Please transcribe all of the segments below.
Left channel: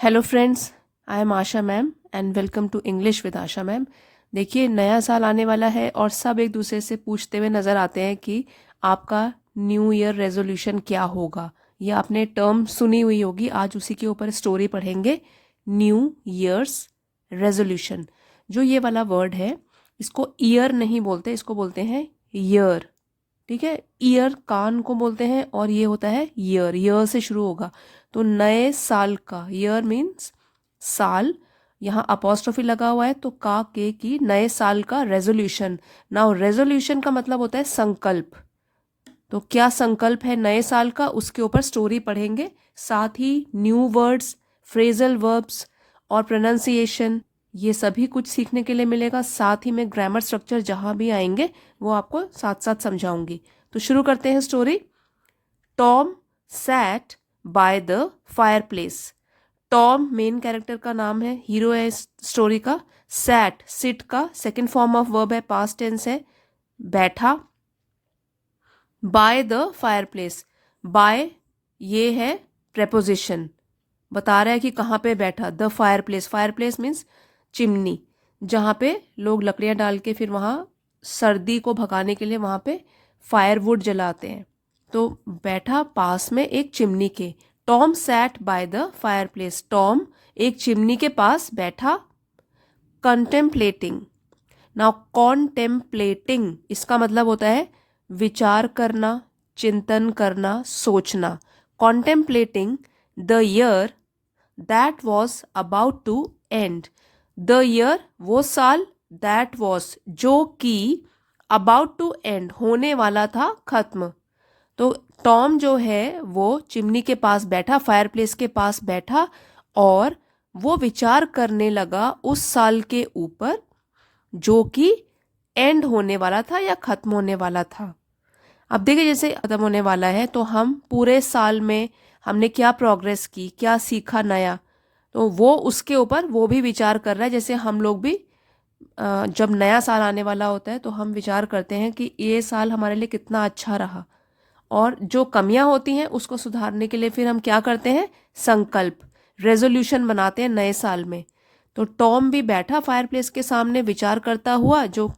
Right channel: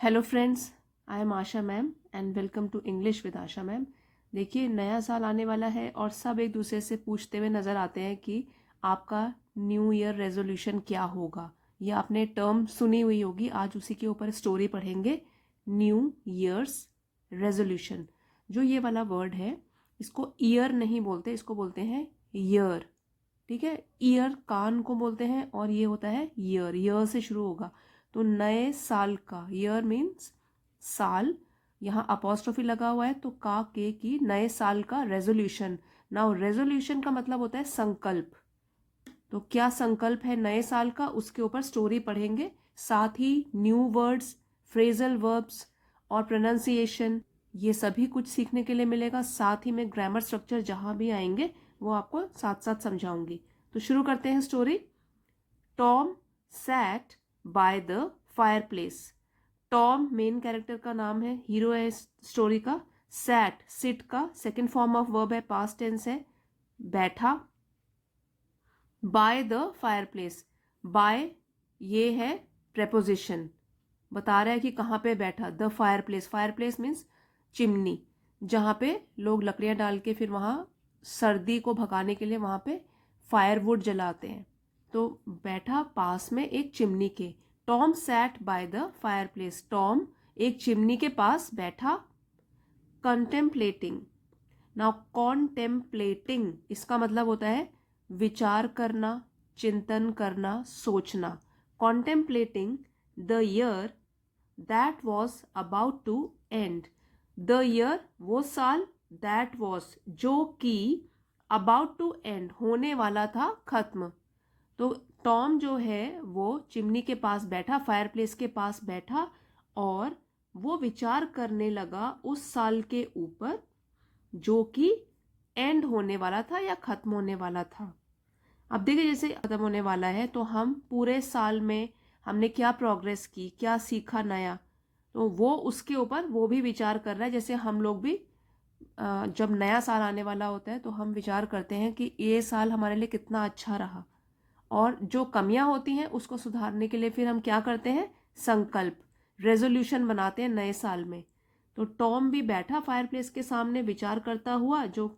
Hello friends, I am Asha ma'am and welcome to English with Asha ma'am. देखिए, नया साल आने वाला है और सब एक दूसरे से पूछते हुए नज़र आते हैं कि आपका न्यू ईयर रेजोल्यूशन क्या होगा। ये आपने टर्म सुनी हुई होगी। आज उसी के ऊपर स्टोरी पढ़ेंगे। न्यू ईयर्स रेजोल्यूशन, जो ये वाला वर्ड है, इसको ईयर नहीं बोलते, इसको बोलते हैं ईयर। ठीक है, ईयर कान को बोलते हैं और ये होता है ईयर, ईयर से शुरू होगा। तो नए साल का, ईयर मीन्स साल, यहाँ अपोस्ट्रोफी लगा हुआ है तो का के की, नए साल का रेजोल्यूशन। नाउ रेजोल्यूशन का मतलब होता है संकल्प। तो क्या संकल्प है नए साल का, उसके ऊपर स्टोरी पढ़ेंगे। साथ ही न्यू वर्ड्स, फ्रेजल वर्ब्स और प्रोनाउंसिएशन, ये सभी कुछ सीखने के लिए मिलेगा। साथ ही में ग्रामर स्ट्रक्चर जहाँ भी आएंगे वो आपको साथ साथ समझाऊंगी। तो शुरू करते हैं story. Tom sat by the fireplace. Tom main character का नाम है, हीरो है इस स्टोरी का। सैट सिट का सेकंड फॉर्म ऑफ वर्ब है, पास्ट टेंस है, बैठा। By the fireplace, by ये है प्रेपोजिशन, बता रहा है कि कहाँ पे बैठा। The fire place, fire place means chimney, जहाँ पे लोग लकड़ियाँ डाल के फिर वहाँ सर्दी को भगाने के लिए वहाँ पे फायरवुड जलाते हैं। तो बैठा पास में एक चिमनी के। Tom sat by the fireplace, Tom एक चिमनी के पास बैठा। कंटेम्पलेटिंग, नाउ कॉन्टेम्पलेटिंग इसका मतलब होता है विचार करना, चिंतन करना, सोचना। Contemplating the year that was about to end. The year वो साल, दैट वॉज जो कि, अबाउट टू एंड होने वाला था, खत्म। तो टॉम जो है वो चिमनी के पास बैठा, फायर प्लेस के पास बैठा और वो विचार करने लगा उस साल के ऊपर जो कि एंड होने वाला था या खत्म होने वाला था। अब देखिए, जैसे खत्म होने वाला है तो हम पूरे साल में हमने क्या प्रोग्रेस की, क्या सीखा नया, तो वो उसके ऊपर वो भी विचार कर रहा है। जैसे हम लोग भी जब नया साल आने वाला होता है तो हम विचार करते हैं कि ये साल हमारे लिए कितना अच्छा रहा, और जो कमियां होती हैं उसको सुधारने के लिए फिर हम क्या करते हैं, संकल्प, रेजोल्यूशन बनाते हैं नए साल में। तो टॉम भी बैठा फायरप्लेस के सामने विचार करता हुआ जो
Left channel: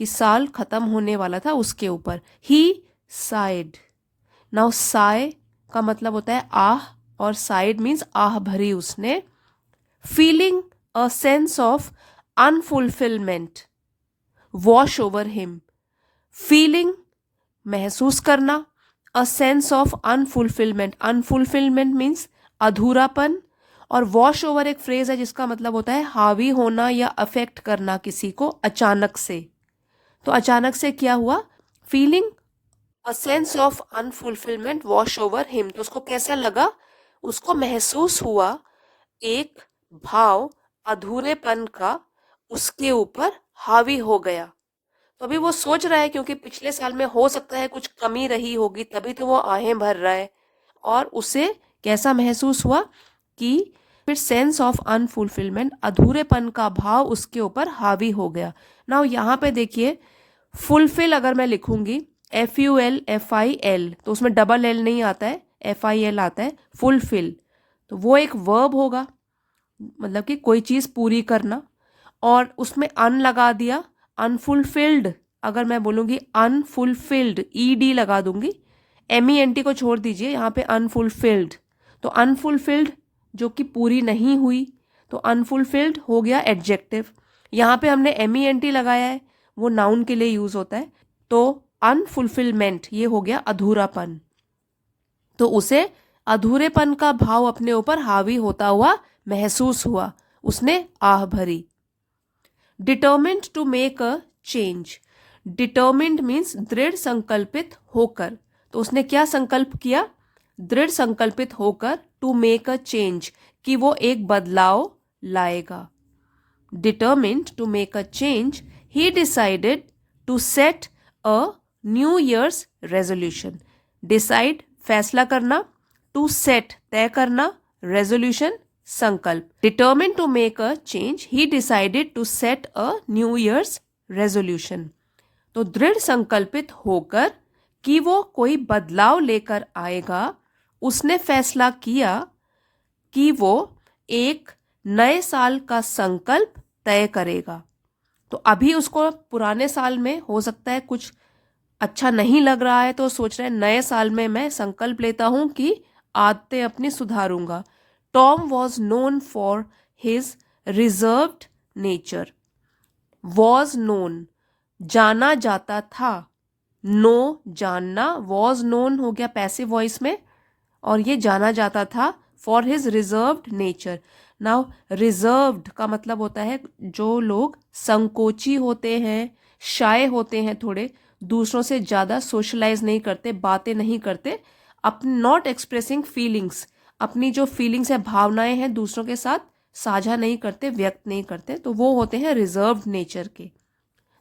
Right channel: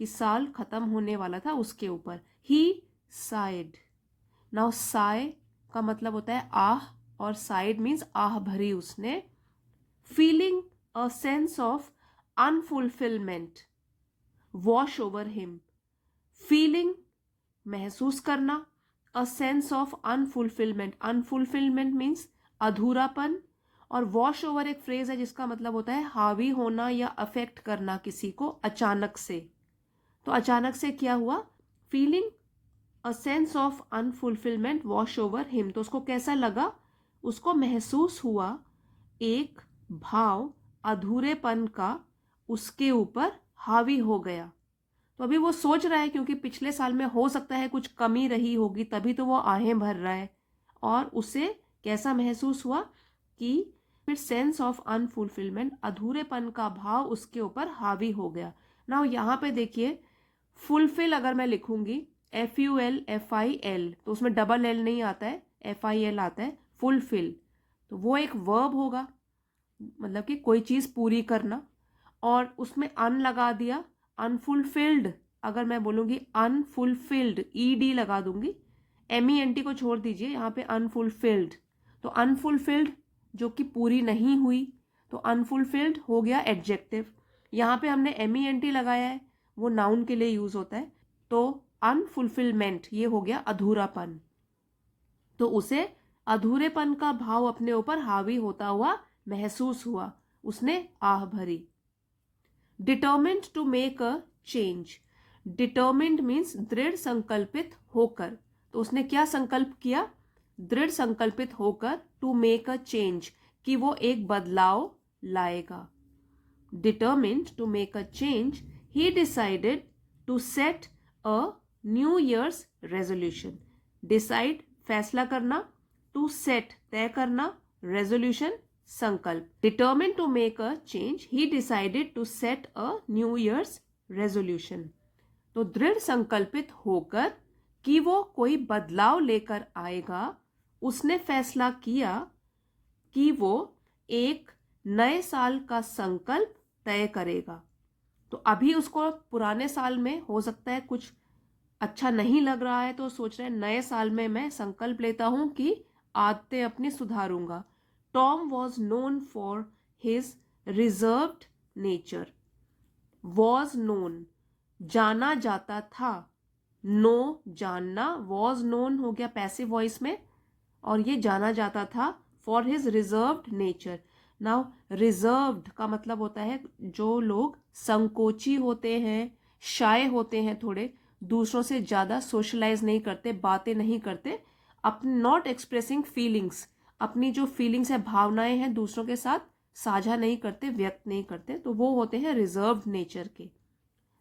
कि साल खत्म होने वाला था उसके ऊपर। ही साइड, नाउ साय का मतलब होता है आह, और साइड मीन्स आह भरी उसने। Feeling a sense of unfulfilment wash over him. Feeling महसूस करना, a sense of unfulfilment, unfulfilment means अधूरापन, और वॉश ओवर एक फ्रेज है जिसका मतलब होता है हावी होना या अफेक्ट करना किसी को अचानक से। तो अचानक से क्या हुआ, feeling a sense of unfulfilment wash over him, तो उसको कैसा लगा, उसको महसूस हुआ एक भाव अधूरेपन का उसके ऊपर हावी हो गया। तो अभी वो सोच रहा है, क्योंकि पिछले साल में हो सकता है कुछ कमी रही होगी तभी तो वो आहें भर रहा है, और उसे कैसा महसूस हुआ कि फिर सेंस ऑफ अनफुलफिलमेंट, अधूरेपन का भाव उसके ऊपर हावी हो गया। नाउ यहाँ पे देखिए, फुलफिल अगर मैं लिखूंगी FULFIL, तो उसमें डबल एल नहीं आता है, FIL आता है, फुलफिल। तो वो एक वर्ब होगा, मतलब कि कोई चीज़ पूरी करना, और उसमें अन लगा दिया। अनफुलफिल्ड, अगर मैं बोलूँगी अनफुलफिल्ड, ED लगा दूंगी, MENT को छोड़ दीजिए, यहाँ पे अनफुलफिल्ड। तो अनफुलफिल्ड जो कि पूरी नहीं हुई, तो अनफुलफिल्ड हो गया एडजेक्टिव। यहाँ पे हमने MENT लगाया है, वो नाउन के लिए यूज होता है। तो अनफुलफिलमेंट ये हो गया अधूरापन। तो उसे अधूरेपन का भाव अपने ऊपर हावी होता हुआ महसूस हुआ, उसने आह भरी। Determined to make a change, determined means दृढ़ संकल्पित होकर, तो उसने क्या संकल्प किया, दृढ़ संकल्पित होकर, टू मेक अ चेंज, कि वो एक बदलाव लाएगा। Determined to make a change, he decided to set a new year's resolution. Decide फैसला करना, टू सेट तय करना, रेजोल्यूशन संकल्प। Determine to make a change, he decided to set a new year's resolution. तो दृढ़ संकल्पित होकर कि वो कोई बदलाव लेकर आएगा, उसने फैसला किया कि वो एक नए साल का संकल्प तय करेगा। तो अभी उसको पुराने साल में हो सकता है कुछ अच्छा नहीं लग रहा है, तो सोच रहे हैं नए साल में मैं संकल्प लेता हूं कि आदतें अपनी सुधारूंगा। Tom was known for his reserved nature. Was known, जाना जाता था। नो, जानना। वॉज नोन हो गया पैसिव वॉइस में, और ये जाना जाता था for his reserved nature. Now reserved का मतलब होता है जो लोग संकोची होते हैं, शाय होते हैं, थोड़े दूसरों से ज़्यादा सोशलाइज नहीं करते, बातें नहीं करते, अपनी नॉट एक्सप्रेसिंग फीलिंग्स, अपनी जो फीलिंग्स है, भावनाएं हैं, दूसरों के साथ साझा नहीं करते, व्यक्त नहीं करते, तो वो होते हैं रिजर्व्ड नेचर के।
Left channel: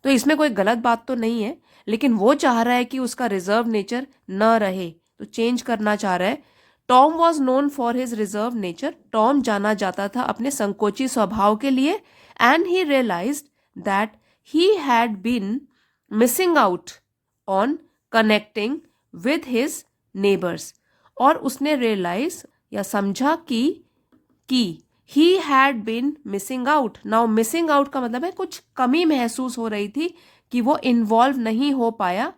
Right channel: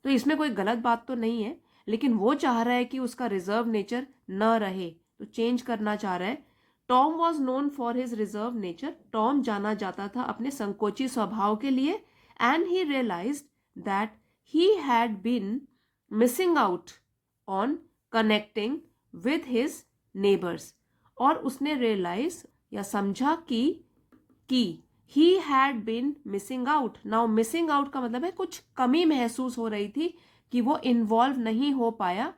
तो इसमें कोई गलत बात तो नहीं है, लेकिन वो चाह रहा है कि उसका रिजर्व नेचर न रहे, तो चेंज करना चाह रहा है। Tom was known for his reserve nature. Tom जाना जाता था अपने संकोची स्वभाव के लिए। And he realized that he had been missing out on connecting with his neighbours. और उसने रियलाइज या समझा कि he had been missing out. Now missing out का मतलब है कुछ कमी महसूस हो रही थी कि वो इन्वॉल्व नहीं हो पाया।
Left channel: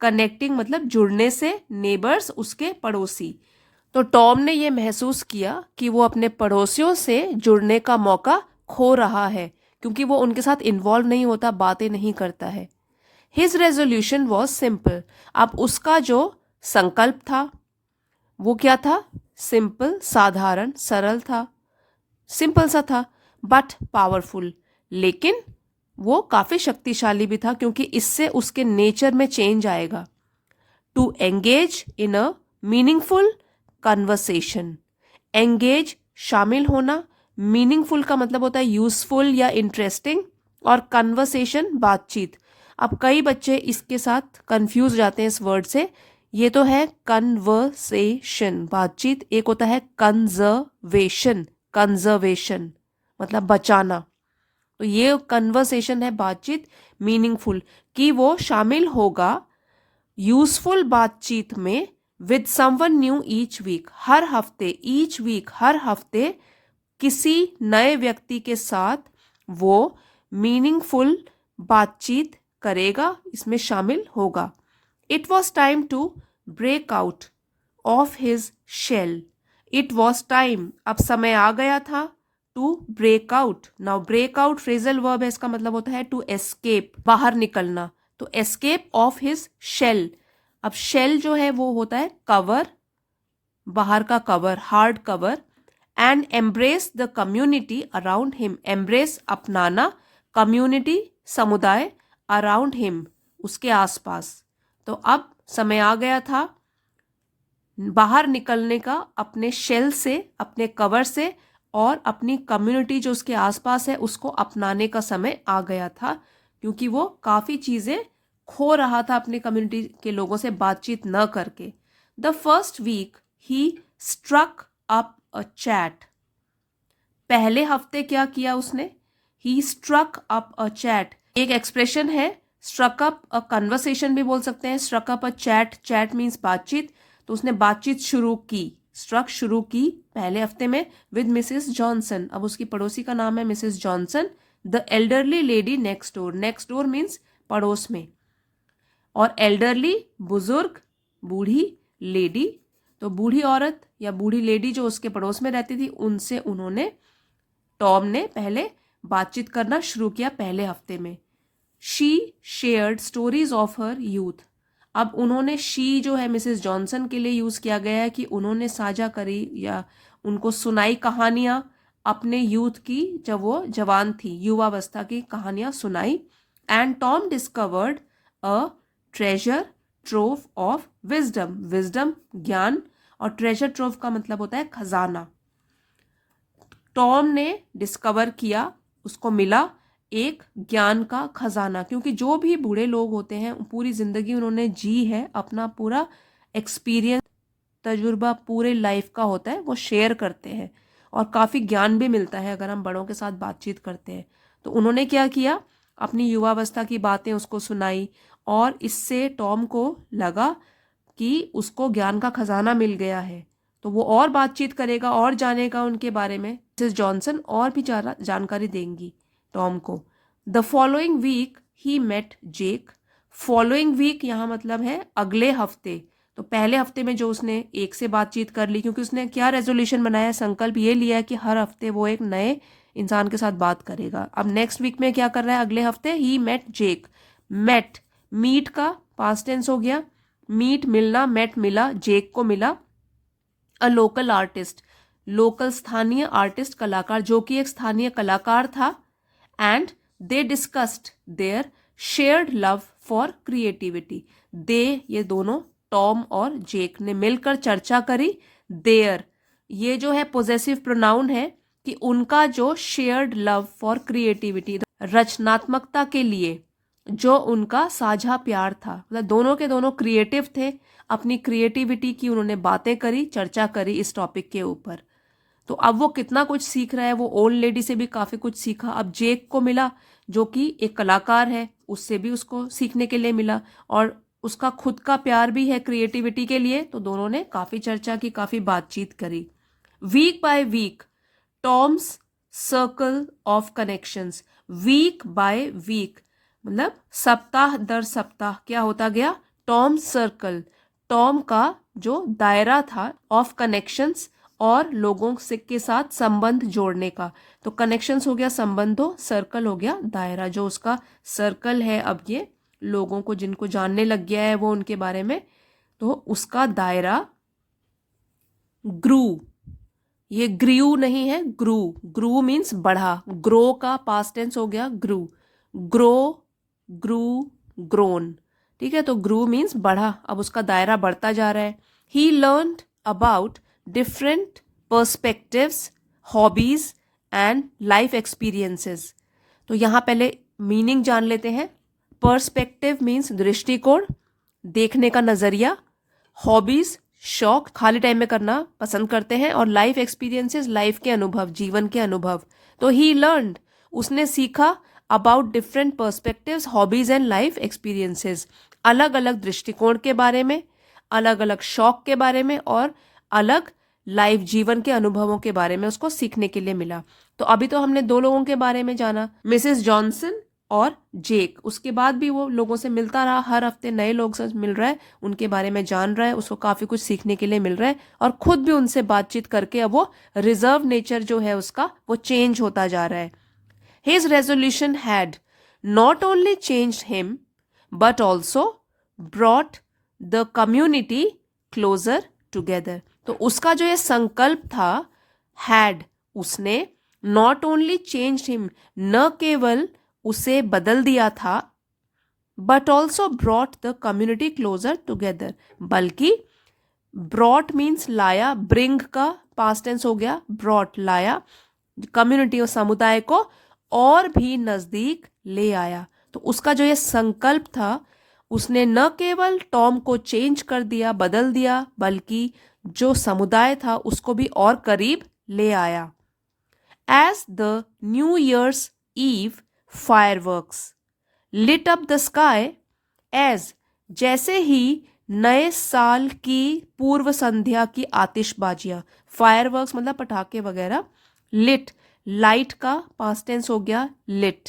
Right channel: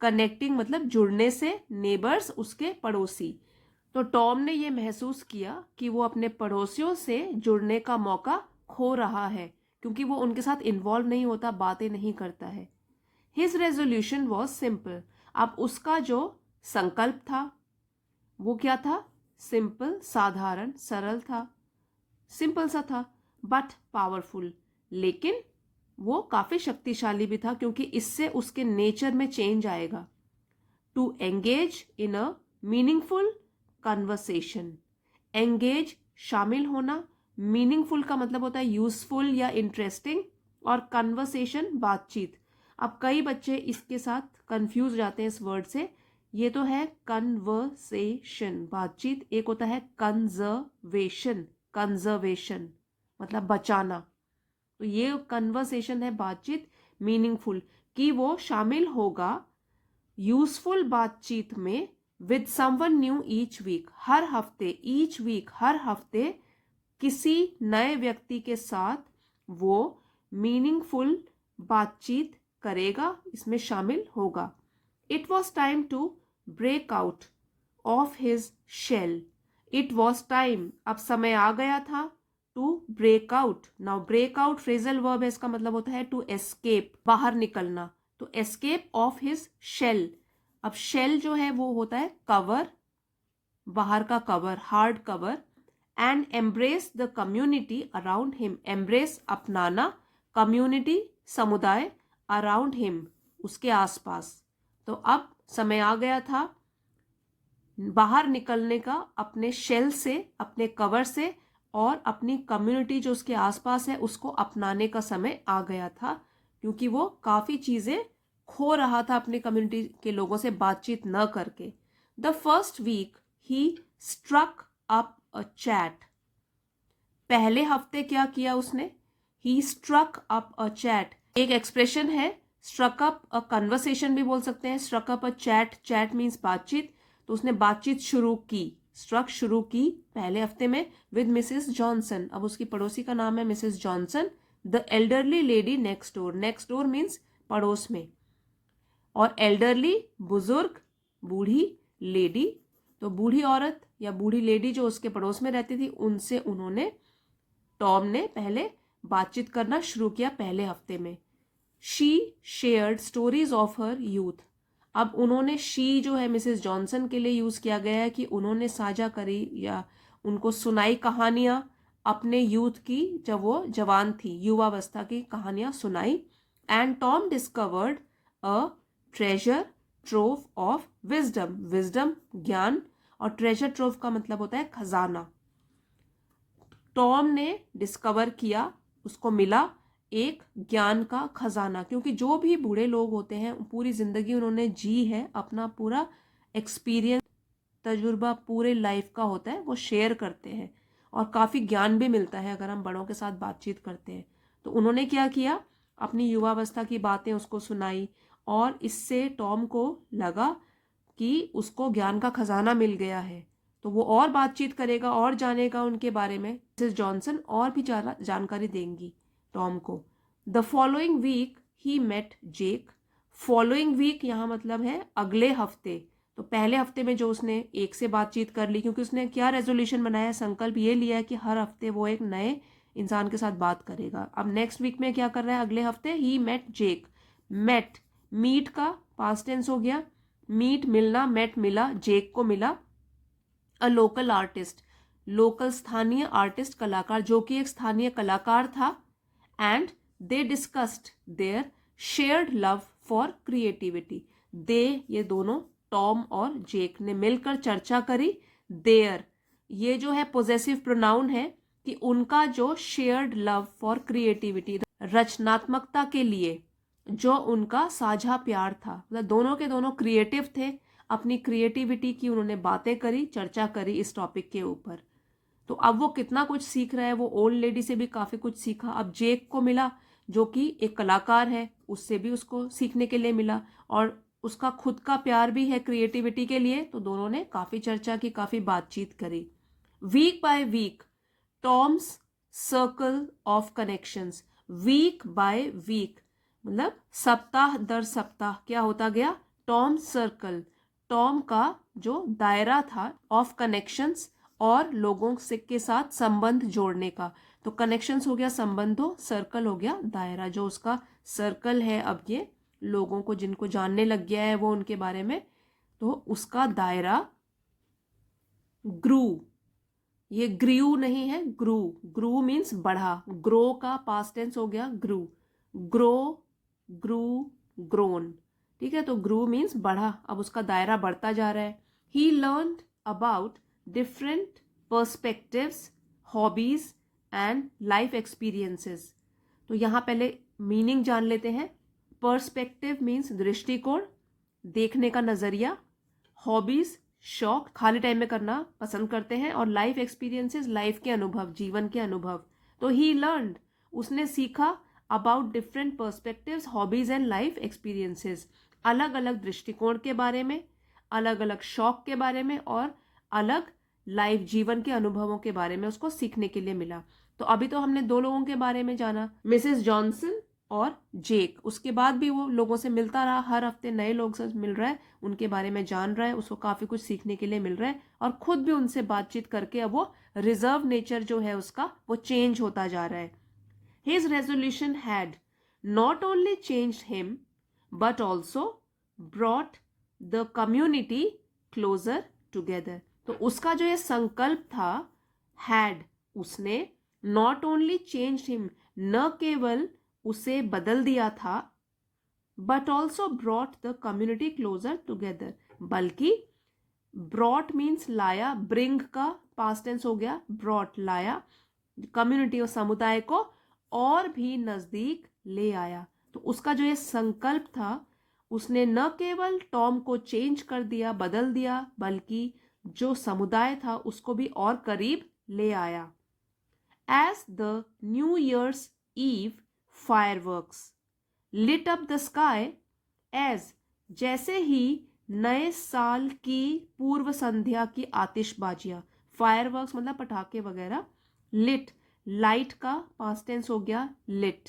कनेक्टिंग मतलब जुड़ने से, नेबर्स उसके पड़ोसी। तो टॉम ने ये महसूस किया कि वो अपने पड़ोसियों से जुड़ने का मौका खो रहा है, क्योंकि वो उनके साथ इन्वॉल्व नहीं होता, बातें नहीं करता है। His resolution was simple. अब उसका जो संकल्प था वो क्या था? सिंपल, साधारण, सरल था, सिंपल सा था, बट पावरफुल। लेकिन वो काफी शक्तिशाली भी था, क्योंकि इससे उसके नेचर में चेंज आएगा। To engage in a meaningful conversation. Engage, शामिल होना। मीनिंगफुल का मतलब होता है यूजफुल या इंटरेस्टिंग, और कन्वर्सेशन, बातचीत। अब कई बच्चे इसके साथ कंफ्यूज जाते हैं इस वर्ड से। ये तो है कन्वर्सेशन, बातचीत। एक होता है कंजर्वेशन, कंजर्वेशन मतलब बचाना। तो ये कन्वर्सेशन है, बातचीत, मीनिंगफुल, कि वो शामिल होगा यूजफुल बातचीत में with someone new each week. हर हफ्ते, ईच वीक हर हफ्ते किसी नए व्यक्ति के साथ वो मीनिंगफुल बातचीत करेगा, इसमें शामिल होगा। It was time to break out of his shell. It was time, अब समय आ गया था, to break out. Now break out phrasal verb है, इसका मतलब होता है टू एस्केप, बाहर निकलना। तो एस्केप ऑफ हिज शेल। अब शेल जो है वो होता है कवर, बाहर का cover, hard cover. And embrace the community around him. Embrace, अपनाना, कम्युनिटी, समुदाय, अराउंड हिम, उसके आसपास। तो अब समय आ गया था बाहर निकलने का, अपने शेल से, अपने कवर से, और अपनी कम्युनिटी जो उसके आसपास है उसको अपनाने का समय आ गया था, क्योंकि वो काफ़ी चीज़ें खो रहा था अपनी कम्युनिटी के लोगों से बातचीत न करके। The first week he struck up a chat. पहले हफ्ते क्या किया उसने? He struck up a chat, एक एक्सप्रेशन है। स्ट्रक अप अ कन्वर्सेशन भी बोल सकते हैं, struck up a chat, chat means बातचीत। तो उसने बातचीत शुरू की, स्ट्रक शुरू की पहले हफ्ते में विद मिसेस जॉनसन। अब उसकी पड़ोसी का नाम है Mrs Johnson. The elderly lady next door. Next door means पड़ोस में, और एल्डरली बुजुर्ग, बूढ़ी, लेडी तो बूढ़ी औरत या बूढ़ी लेडी जो उसके पड़ोस में रहती थी, उनसे उन्होंने, टॉम ने पहले बातचीत करना शुरू किया पहले हफ्ते में। She shared stories of her youth. अब उन्होंने, शी जो है मिसेस जॉनसन के लिए यूज किया गया है कि उन्होंने साझा करी या उनको सुनाई कहानियां अपने यूथ की, जब वो जवान थी, युवावस्था की कहानियां सुनाई। And Tom discovered a treasure trove of wisdom. Wisdom ज्ञान, और ट्रेजर ट्रोव का मतलब होता है खजाना। टॉम ने डिस्कवर किया, उसको मिला एक ज्ञान का खजाना, क्योंकि जो भी बूढ़े लोग होते हैं पूरी जिंदगी उन्होंने जी है, अपना पूरा एक्सपीरियंस, तजुर्बा पूरे लाइफ का होता है, वो शेयर करते हैं, और काफ़ी ज्ञान भी मिलता है अगर हम बड़ों के साथ बातचीत करते हैं। तो उन्होंने क्या किया, अपनी युवावस्था की बातें उसको सुनाई, और इससे टॉम को लगा कि उसको ज्ञान का खजाना मिल गया है। तो वो और बातचीत करेगा और जानेगा उनके बारे में। मिसेस जॉनसन और भी ज़्यादा जानकारी देंगी टॉम को। The following week he met Jake. Following week यहाँ मतलब है अगले हफ्ते। तो पहले हफ्ते में जो उसने एक से बातचीत कर ली, क्योंकि उसने क्या रेजोल्यूशन बनाया, संकल्प ये लिया है कि हर हफ्ते वो एक नए इंसान के साथ बात करेगा। अब नेक्स्ट वीक में क्या कर रहा है, अगले हफ्ते ही मेट जेक। मेट, मीट का पास्ट टेंस हो गया, मीट मिलना, मेट मिला, जेक को मिला। अ लोकल आर्टिस्ट, लोकल स्थानीय आर्टिस्ट कलाकार, जो कि एक स्थानीय कलाकार था। And they discussed their shared love for creativity. They, ये दोनों टॉम और जेक ने मिलकर चर्चा करी। देयर, ये जो है पोजेसिव प्रोनाउन है कि उनका जो शेयर्ड लव फॉर क्रिएटिविटी, रचनात्मकता के लिए जो उनका साझा प्यार था, मतलब दोनों के दोनों क्रिएटिव थे, अपनी क्रिएटिविटी की उन्होंने बातें करी, चर्चा करी इस टॉपिक के ऊपर। तो अब वो कितना कुछ सीख रहा है, वो ओल्ड लेडी से भी काफ़ी कुछ सीखा। अब जेक को मिला जो कि एक कलाकार है, उससे भी उसको सीखने के लिए मिला, और उसका खुद का प्यार भी है क्रिएटिविटी के लिए। तो दोनों ने काफ़ी चर्चा की, काफ़ी बातचीत करी। Week by week Tom's circle of connections. Week by week मतलब सप्ताह दर सप्ताह क्या होता गया, टॉम सर्कल, टॉम का जो दायरा था ऑफ कनेक्शंस, और लोगों से के साथ संबंध जोड़ने का। तो कनेक्शंस हो गया संबंधों, सर्कल हो गया दायरा, जो उसका सर्कल है अब ये लोगों को जिनको जानने लग गया है वो उनके बारे में, तो उसका दायरा ग्रू। ये ग्रीव नहीं है, ग्रू। ग्रू मीन्स बढ़ा, ग्रो का पास्ट टेंस हो गया ग्रू। ग्रो, ग्रू, ग्रोन, ठीक है। तो ग्रू मीन्स बढ़ा, अब उसका दायरा बढ़ता जा रहा है। He learned about different perspectives, hobbies and life experiences. तो यहाँ पहले मीनिंग जान लेते हैं। पर्सपेक्टिव मीन्स दृष्टिकोण, देखने का नजरिया। हॉबीज शौक, खाली टाइम में करना पसंद करते हैं। और लाइफ एक्सपीरियंसेस, लाइफ के अनुभव, जीवन के अनुभव। तो ही लर्नड, उसने सीखा, about different perspectives, hobbies and life experiences, अलग अलग दृष्टिकोण के बारे में, अलग अलग शौक के बारे में, और अलग लाइफ जीवन के अनुभवों के बारे में उसको सीखने के लिए मिला। तो अभी तो हमने दो लोगों के बारे में जाना, मिसेस जॉनसन और जेक। उसके बाद भी वो लोगों से मिलता रहा, हर हफ्ते नए लोग से मिल रहा है, उनके बारे में जान रहा है, उसको काफ़ी कुछ सीखने के लिए मिल रहा है, और खुद भी उनसे बातचीत करके अब वो रिजर्व नेचर जो है उसका वो चेंज होता जा रहा है। His resolution had not only changed him but also brought the community closer together. तो उसका जो ये संकल्प था, हैड, उसने, नॉट ओनली चेंज्ड हिम, न केवल उसे बदल दिया था, but also brought the community closer together, बल्कि ब्रॉट मीन्स लाया, ब्रिंग का पास्ट टेंस हो गया, ब्रॉट लाया, कम्युनिटी और समुदाय को और भी नजदीक ले आया। तो उसका जो ये संकल्प था, उसने न केवल टॉम को चेंज कर दिया, बदल दिया, बल्कि जो समुदाय था उसको भी और करीब ले आया। As the new year's eve fireworks lit up the sky, as, जैसे ही नए साल की पूर्व संध्या की आतिशबाजियां, फायरवर्क्स मतलब पटाखे वगैरह, लिट, लाइट का पास्ट टेंस हो गया लिट,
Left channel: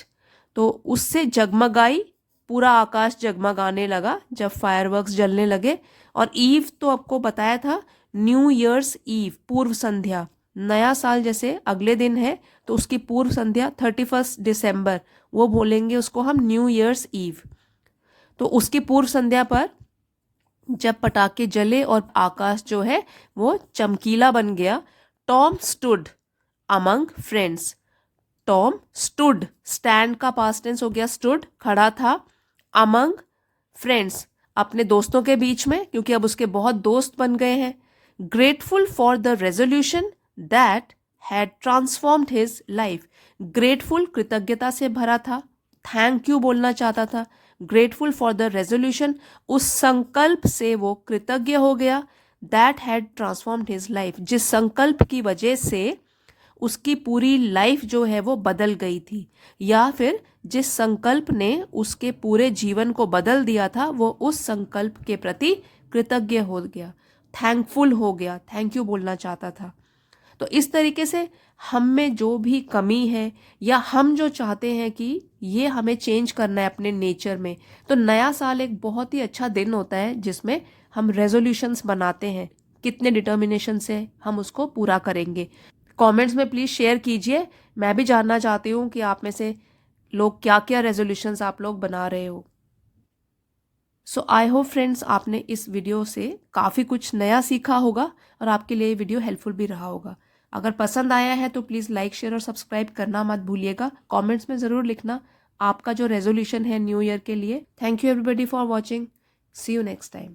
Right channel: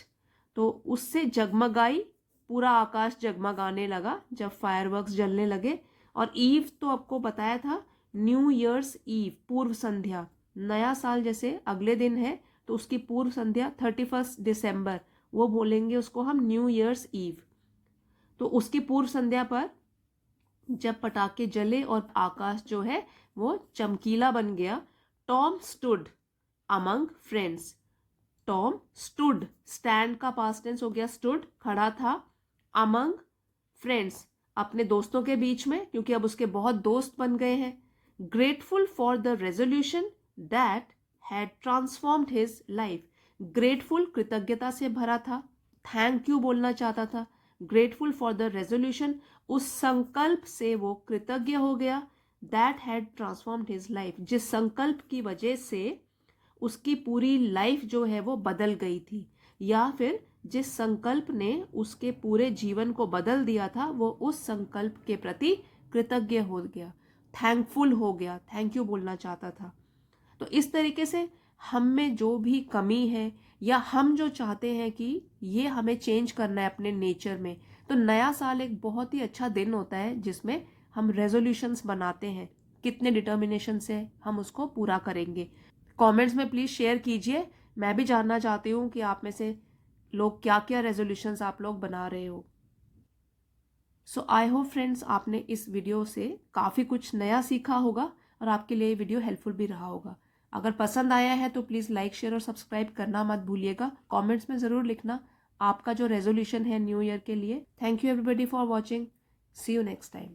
तो उससे जगमगाई, पूरा आकाश जगमगाने लगा जब फायरवर्क्स जलने लगे। और ईव तो आपको बताया था, न्यू ईयर्स ईव, पूर्व संध्या, नया साल जैसे अगले दिन है तो उसकी पूर्व संध्या 31 दिसंबर, वो बोलेंगे उसको हम न्यू ईयर्स ईव। तो उसकी पूर्व संध्या पर जब पटाखे जले और आकाश जो है वो चमकीला बन गया, Tom stood among friends. Tom stood, stand का पास्ट टेंस हो गया स्टूड, खड़ा था, अमंग फ्रेंड्स, अपने दोस्तों के बीच में, क्योंकि अब उसके बहुत दोस्त बन गए हैं। Grateful for the resolution that had transformed his life. Grateful, कृतज्ञता से भरा था, थैंक यू बोलना चाहता था। ग्रेटफुल फॉर द रेजोल्यूशन, उस संकल्प से वो कृतज्ञ हो गया, that had transformed his life, जिस संकल्प की वजह से उसकी पूरी लाइफ जो है वो बदल गई थी, या फिर जिस संकल्प ने उसके पूरे जीवन को बदल दिया था, वो उस संकल्प के प्रति कृतज्ञ हो गया, थैंकफुल हो गया, थैंक यू बोलना चाहता था। तो इस तरीके से हम में जो भी कमी है या हम जो चाहते हैं कि ये हमें चेंज करना है अपने नेचर में, तो नया साल एक बहुत ही अच्छा दिन होता है जिसमें हम रेजोल्यूशंस बनाते हैं, कितने डिटर्मिनेशन से हम उसको पूरा करेंगे। कमेंट्स में प्लीज़ शेयर कीजिए, मैं भी जानना चाहती हूँ कि आप में से लोग क्या क्या रेजोल्यूशंस आप लोग बना रहे हो। सो आई होप फ्रेंड्स आपने इस वीडियो से काफ़ी कुछ नया सीखा होगा और आपके लिए ये वीडियो हेल्पफुल भी रहा होगा। अगर पसंद आया है तो प्लीज़ लाइक शेयर और सब्सक्राइब करना मत भूलिएगा। कमेंट्स में ज़रूर लिखना आपका जो रेजोल्यूशन है न्यू ईयर के लिए। Thank you everybody for watching. See you next time.